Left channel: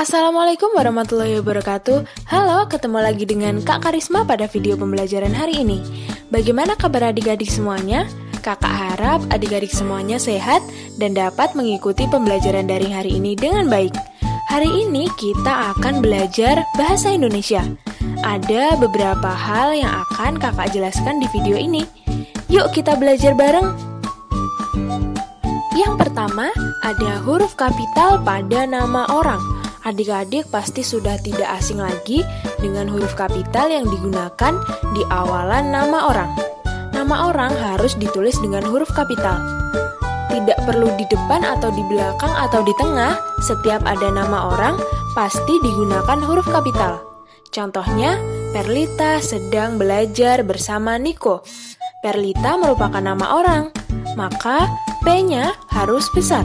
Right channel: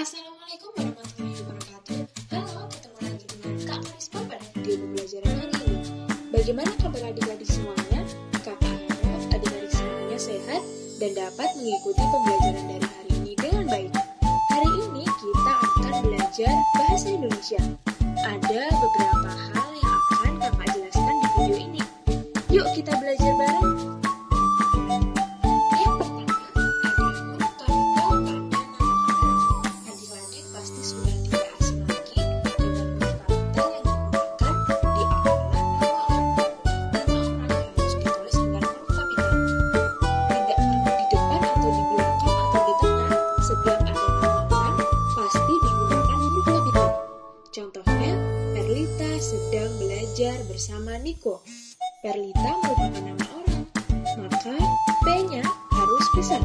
Assalamualaikum warahmatullahi wabarakatuh. Halo, ketemu lagi dengan Kak Karisma pada video pembelajaran hari ini. Bagaimana kabar adik-adik semuanya? Kakak harap adik-adik semuanya sehat dan dapat mengikuti pembelajaran daring hari ini dengan baik. Hari ini kita akan belajar bahasa Indonesia. Ada beberapa hal yang akan kakak jelaskan di video ini. Yuk kita belajar bareng. Yang pertama, ada huruf kapital pada nama orang. Adik-adik pasti sudah tidak asing lagi dengan huruf kapital yang digunakan di awalan nama orang. Nama orang harus ditulis dengan huruf kapital. Tidak perlu di depan atau di belakang atau di tengah, setiap ada nama orang pasti digunakan huruf kapital. Contohnya, Perlita sedang belajar bersama Niko. Perlita merupakan nama orang, maka P-nya harus besar.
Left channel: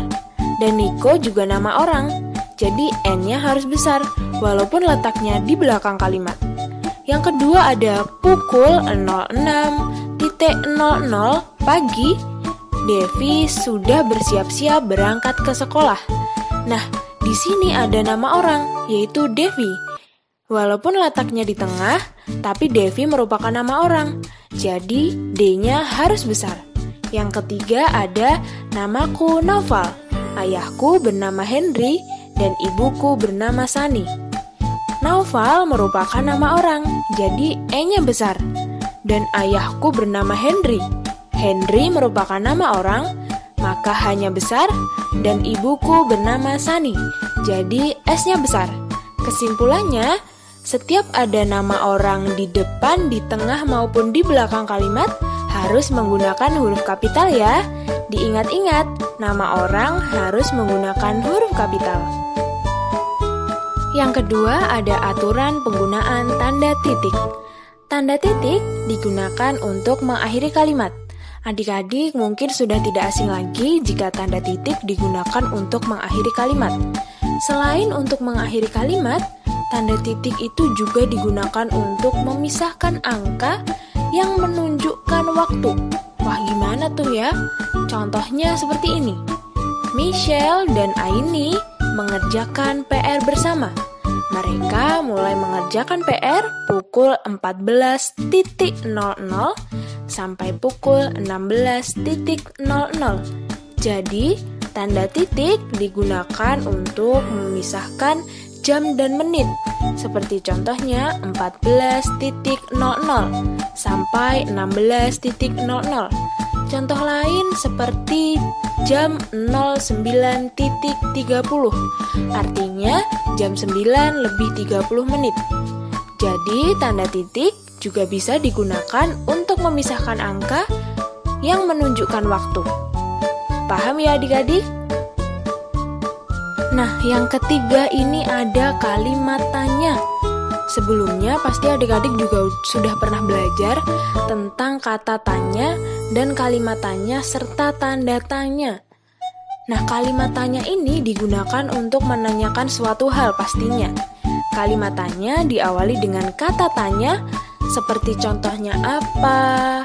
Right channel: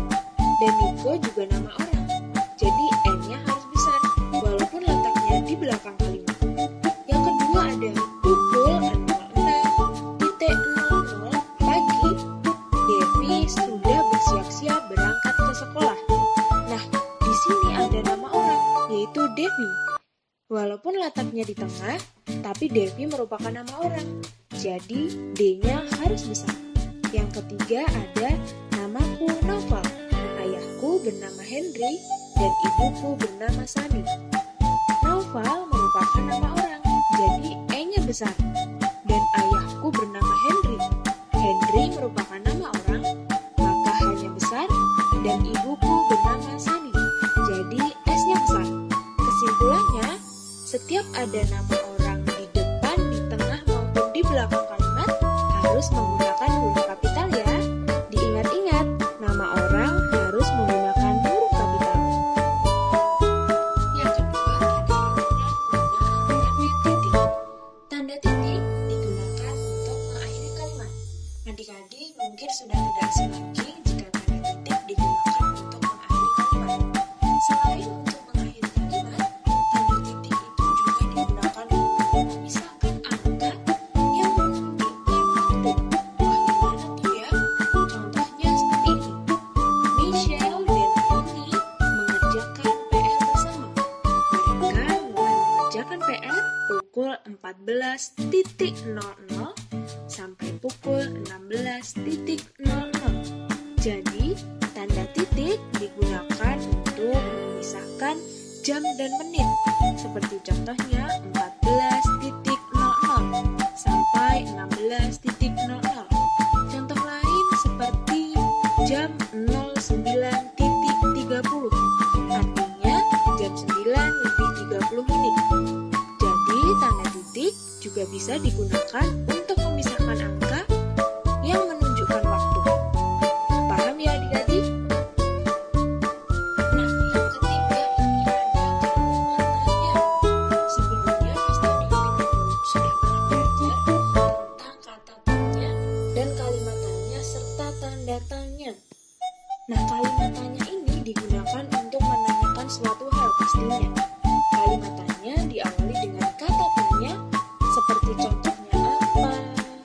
Dan Niko juga nama orang, jadi N-nya harus besar, walaupun letaknya di belakang kalimat. Yang kedua ada pukul 06.00 pagi, Devi sudah bersiap-siap berangkat ke sekolah. Nah, di sini ada nama orang, yaitu Devi. Walaupun letaknya di tengah, tapi Devi merupakan nama orang, jadi D-nya harus besar. Yang ketiga ada namaku Naufal. Ayahku bernama Henry dan ibuku bernama Sani. Naufal merupakan nama orang, jadi E-nya besar. Dan ayahku bernama Henry. Henry merupakan nama orang, maka H-nya besar. Dan ibuku bernama Sani, jadi S-nya besar. Kesimpulannya, setiap ada nama orang di depan, di tengah maupun di belakang kalimat harus menggunakan huruf kapital ya. Diingat-ingat, nama orang harus menggunakan huruf kapital. Yang kedua ada aturan penggunaan tanda titik. Tanda titik digunakan untuk mengakhiri kalimat. Adik-adik mungkin sudah tidak asing lagi jika tanda titik digunakan untuk mengakhiri kalimat. Selain untuk mengakhiri kalimat, tanda titik itu juga digunakan untuk memisahkan angka yang menunjukkan waktu. Wah, gimana tuh ya? Contohnya seperti ini. Michelle dan Aini mengerjakan PR bersama. Mereka mulai mengerjakan PR pukul 14.00 sampai pukul 16.00. Jadi, tanda titik digunakan untuk memisahkan jam dan menit. Seperti contohnya 14.00 sampai 16.00. Contoh lain seperti jam 09.30, artinya jam 9:30. Jadi tanda titik juga bisa digunakan untuk memisahkan angka yang menunjukkan waktu. Paham ya adik-adik? Nah, yang ketiga ini ada kalimat tanya. Sebelumnya pasti adik-adik juga sudah pernah belajar tentang kata tanya dan kalimat tanya serta tanda tanya. Nah, kalimat tanya ini digunakan untuk menanyakan suatu hal pastinya. Kalimat tanya diawali dengan kata tanya seperti contohnya apa,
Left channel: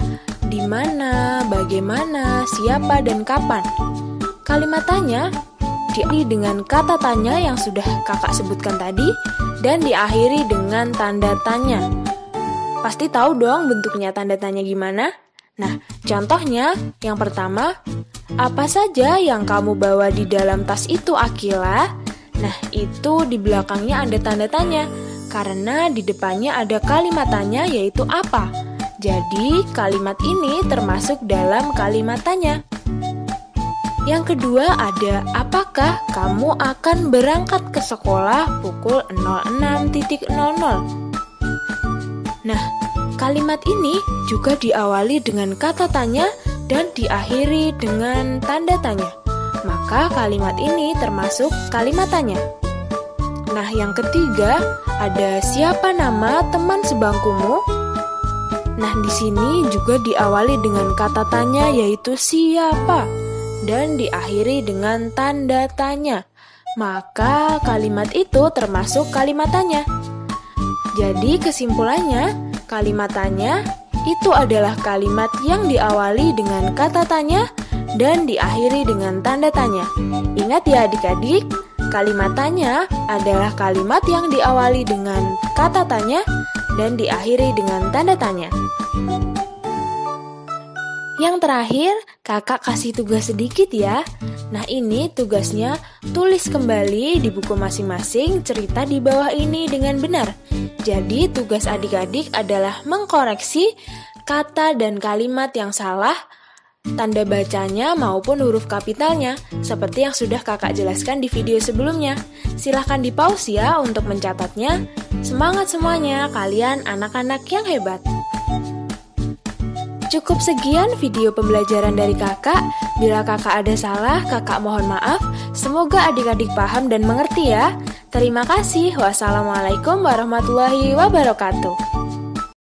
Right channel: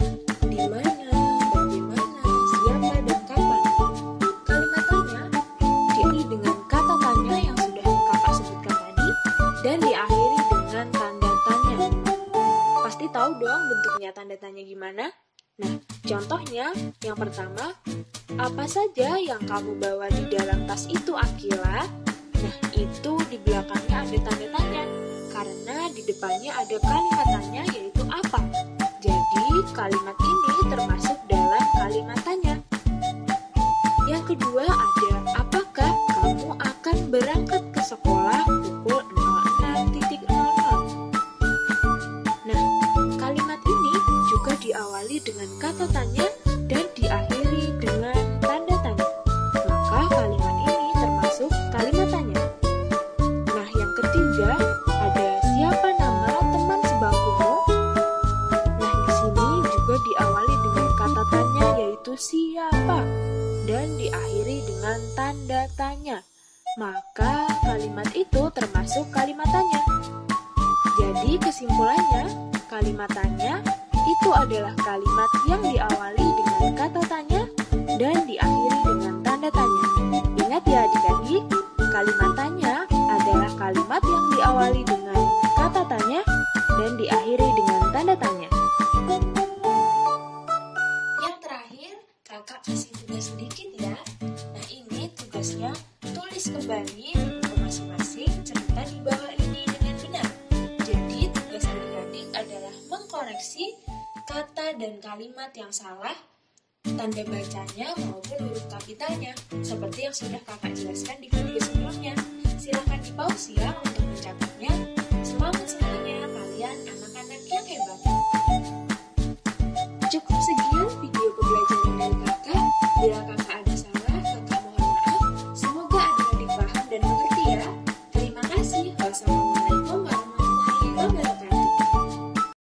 di mana, bagaimana, siapa, dan kapan. Kalimat tanya diawali dengan kata tanya yang sudah kakak sebutkan tadi dan diakhiri dengan tanda tanya. Pasti tahu dong bentuknya tanda tanya gimana? Nah, contohnya yang pertama, apa saja yang kamu bawa di dalam tas itu, Akila? Nah, itu di belakangnya ada tanda tanya, karena di depannya ada kalimat tanya yaitu apa. Jadi, kalimat ini termasuk dalam kalimat tanya. Yang kedua ada, apakah kamu akan berangkat ke sekolah pukul 06.00? Nah, kalimat ini juga diawali dengan kata tanya dan diakhiri dengan tanda tanya. Maka kalimat ini termasuk kalimat tanya. Nah, yang ketiga ada siapa nama teman sebangkumu? Nah, di sini juga diawali dengan kata tanya yaitu siapa dan diakhiri dengan tanda tanya. Maka kalimat itu termasuk kalimat tanya. Jadi kesimpulannya, kalimat tanya itu adalah kalimat yang diawali dengan kata tanya dan diakhiri dengan tanda tanya. Ingat ya adik-adik, Kalimat tanya adalah kalimat yang diawali dengan kata tanya dan diakhiri dengan tanda tanya. Yang terakhir, kakak kasih tugas sedikit ya. Nah ini tugasnya, tulis kembali di buku masing-masing cerita di bawah ini dengan benar. Jadi tugas adik-adik adalah mengkoreksi kata dan kalimat yang salah, tanda bacanya maupun huruf kapitalnya, seperti yang sudah kakak jelaskan di video sebelumnya. Silahkan di pause ya untuk mencatatnya. Semangat semuanya, kalian anak-anak yang hebat. Cukup sekian video pembelajaran dari kakak. Bila kakak ada salah, kakak mohon maaf. Semoga adik-adik paham dan mengerti ya. Terima kasih. Wassalamualaikum warahmatullahi wabarakatuh.